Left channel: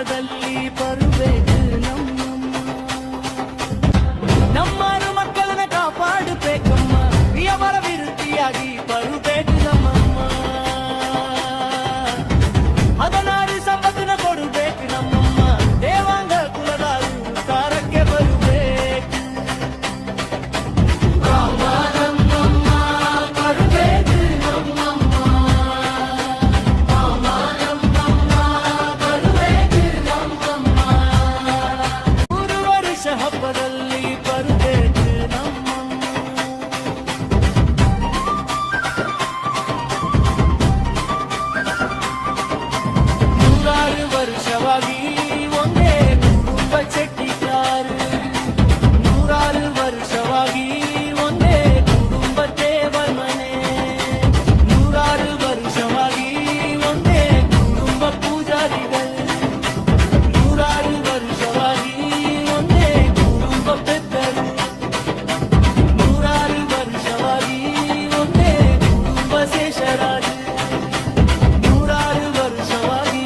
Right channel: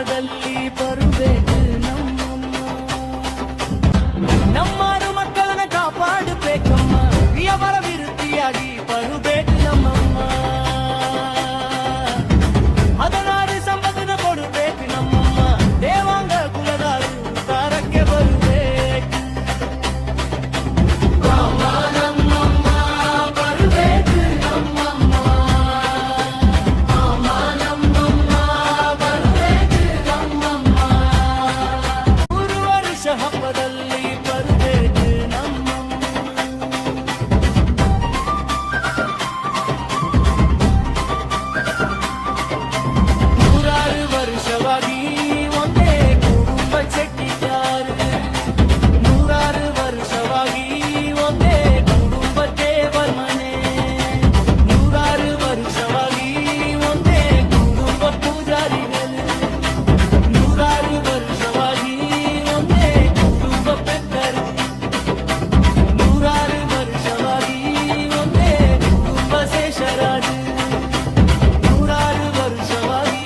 ಹಬ್ಬದಲ್ಲಿ ಬರಬೇಕು ನಮ್ಮಾರು ಮಕ್ಕಳನ್ನ ಕಾಪಾಡಬೇಕಮ್ಮ ಪ್ರಿಯವರ ವಿರುದ್ಧಿಯಾಗಿ ಬರಬೇಕು ನಮ್ಮಮ್ಮ 16 ಸಂಪತ್ತಿನ ಕೊಡಬೇಕು ನಮ್ಮಮ್ಮ ದೇವಾಂಗ ಕುಲದಾರು ಉತ್ತಾರಕ್ಕೆ ಬರಬೇಕು ನಮ್ಮಮ್ಮ ಬರಬೇಕು ನಮ್ಮಮ್ಮ ನಮ್ಮಮ್ಮ ಬರಬೇಕು ನಮ್ಮಮ್ಮ 3 ವರ್ಷ ಹಬ್ಬದಲ್ಲಿ ಬರಬೇಕು ನಮ್ಮಮ್ಮ 100 ವರ್ಷವಾಗಿ ಒಂದೇ ಕುಟುಂಬ ಚೆಟ್ಟಿಕಾರು 100 ವರ್ಷವಾಗಿ ಒಂದೇ ಕುಟುಂಬ ದೇವರ ಮನೆ 100 ವರ್ಷವಾಗಿ ಒಂದೇ ಕುಟುಂಬ ಪೂಜಾರಿಗಳು 100 ವರ್ಷವಾಗಿ ಒಂದೇ ಕುಟುಂಬ ಪೆತ್ತರು 100 ವರ್ಷವಾಗಿ ಒಂದೇ ಕುಟುಂಬ ಶೇಷರಾಜು 100 ವರ್ಷವಾಗಿ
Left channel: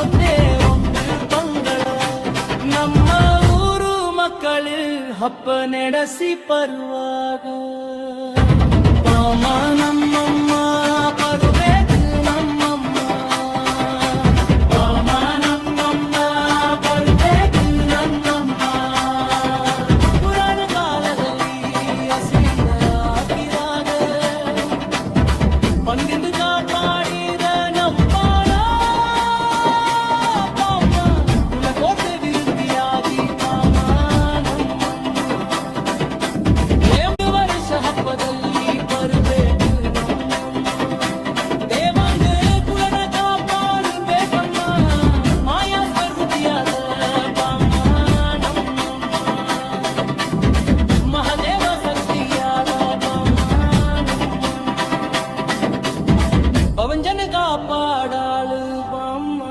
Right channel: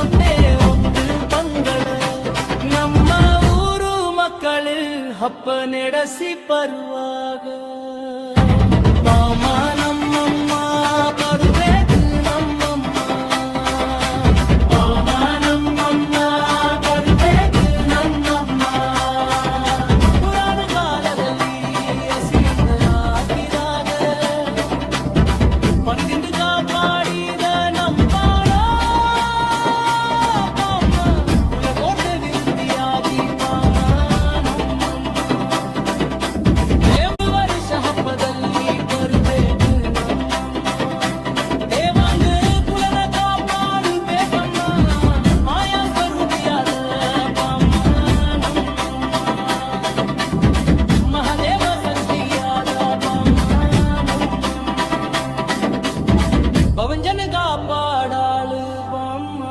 ಒಂದೇ ಒಂದು ಪಂಗಳ ನಮ್ಮ ಊರು ಮಕ್ಕಳು ಹಬ್ಬ ನಡೆಸಿ ಬರುವಾಗ ಪಾಮ ನಮ್ಮಮ್ಮ ಬರಬೇಕು ನಮ್ಮಮ್ಮ ಪಾಮ ನಮ್ಮಮ್ಮ ಬರಬೇಕು ನಮ್ಮಮ್ಮ ಪುರಾಣ ಕಾಲದಲ್ಲಿ ಹಸಿಯಂದರ ಹಾಕಿದಾಗ ಬಂದಿಂದ ಕಾಪಾಡಿದ ನಮ್ಪಾಣ ಪಾಮ ಕುಲಕೋಟೆ ವಿರುದ್ಧಿಯಾಗಿ ಪಾಮ ನಮ್ಮಮ್ಮ 1 ವರ್ಷ ಹಬ್ಬದಲ್ಲಿ ಬರಬೇಕು ನಮ್ಮಮ್ಮ ದೇವಾಂಗ ಕುಲನ ಕಾಪಾಡಬೇಕಮ್ಮ ಮಾಯಾ ಸ್ವರೂಪಿಯಾದ ಪಾಮ ನಮ್ಮಮ್ಮ ಮಹಾದೇವ ಶಕ್ತಿಯಾದ ಪಾಮ ನಮ್ಮಮ್ಮ पवन जन का पाडाल बाम्मा